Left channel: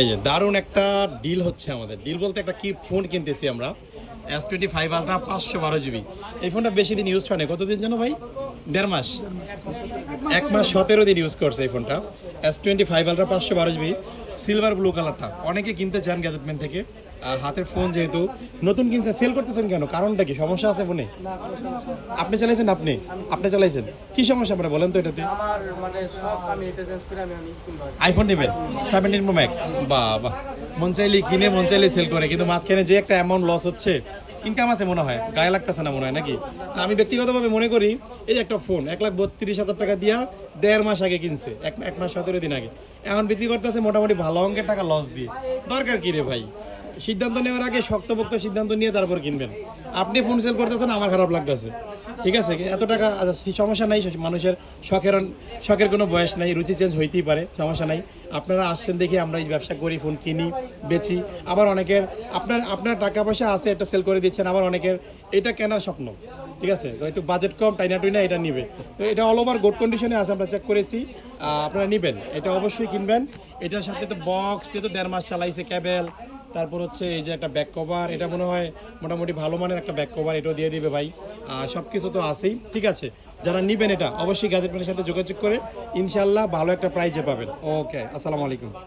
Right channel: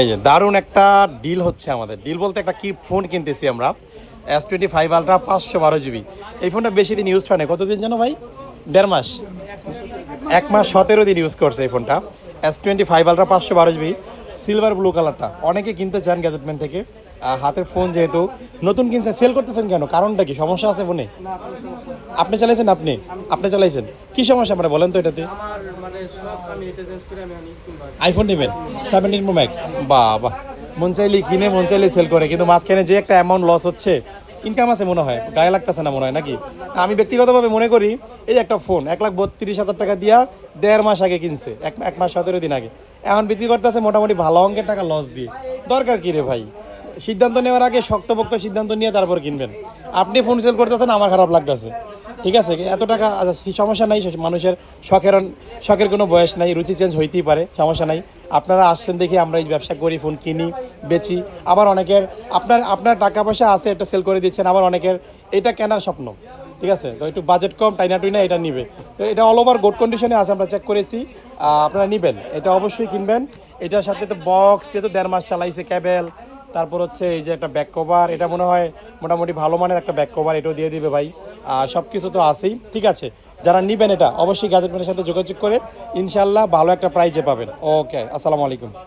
এই যে দারুণ একটা ডিল হচ্ছে আমাদের। ডিল বলতে একটা কি ফোন কিনতেছি আমরা, S25 আলট্রা 512 GB। এই ফোনটা বেশি দিন ইউজ হয় না, কতদিন জানো ভাই? 1.5 মাস, 1 মাস 17 দিন ইউজ করছে এই ফোনটা। S25 ultra 512 GB, silver blue কালারটা। অনেকে কিনতে চান গ্যাজেটম্যান থেকে। হাতের ফোন যেহেতু নতুন কিনছে, সেল করতেছেন কেন? কারণটা কি? সমস্যা আছে ফোনে? আপনি চালাইছেন? আপনি চালাইছেন? কি সমস্যা মানে বলেন তো এটাতে? আইফোন নেবেন 17 Pro Max? বাহ বাহ, মন চাইলেই কিনে মন চাইলেই সেল করে, কিন্তু মাঝখানে যে একটা অ্যামাউন্ট লস হচ্ছে, ইনকাম আছে মনে হয়, গায়ে লাগতেছে না মনে হয় নাকি? আমি ব্যক্তিগতভাবে মনে করি এই যে একটা ফোন 1,32,000 টাকা দিয়া 1.5 মাস আগে কিনছে, 1 মাস 17 দিন আগে, এখন বিক্রি করতেছে মোটামুটি ভালো অঙ্কের টাকা লস দিয়ে। দরকার কি রে ভাই? সিদ্ধান্ত নেওয়ার আগে শক্তপোক্ত সিদ্ধান্ত নিয়ে তারপর কিনবেন। আপনি ফোন সেল করতেছেন, আমার খারাপ লাগতেছে। ঠিক আছে, এত টাকা সমস্যা নাই, মানুষের শখের কোনো বয়স নাই, রুচি চেঞ্জ হইতেই পারে, সমস্যা নাই। আপনারা আসছেন দেখি আমরা এই ব্যবসা করি, ফোন কিনি বেচি। আবার অনেকের আপনার টাকা পয়সা আছে, এটা সেল করে দিচ্ছেন। আবার অনেকের এটা কেনার স্বপ্ন, ঠিক আছে, তো একটু বাজেট কম, টাইনা টুইনা এটা নিবে। তো এটা অল ওভার গুড কন্ডিশনে আছে, আমরা চেক করেছি। আপনারা নেবেন, এটা অবশ্যই কিনবেন। এটার সাথে তো বক্স দিয়ে তো 1.5 মাস চালাইছে, ক্যাবেল, তারপর হচ্ছে এই যে একটা ব্যাক কভার, এটা মনে হয় মোটামুটি ভালো মানের একটা ব্যাক কভার, এটাও দিয়ে দিবে ভাই। আর সব কিছু তো আছেই, ঠিক আছে। যারা নেবেন এটা অবশ্যই গ্যাজেটম্যানের সাথে যোগাযোগ করে ইনশাল্লাহ ভালো একটা প্রাইজে পাবেন। ওকে, আসসালামু আলাইকুম।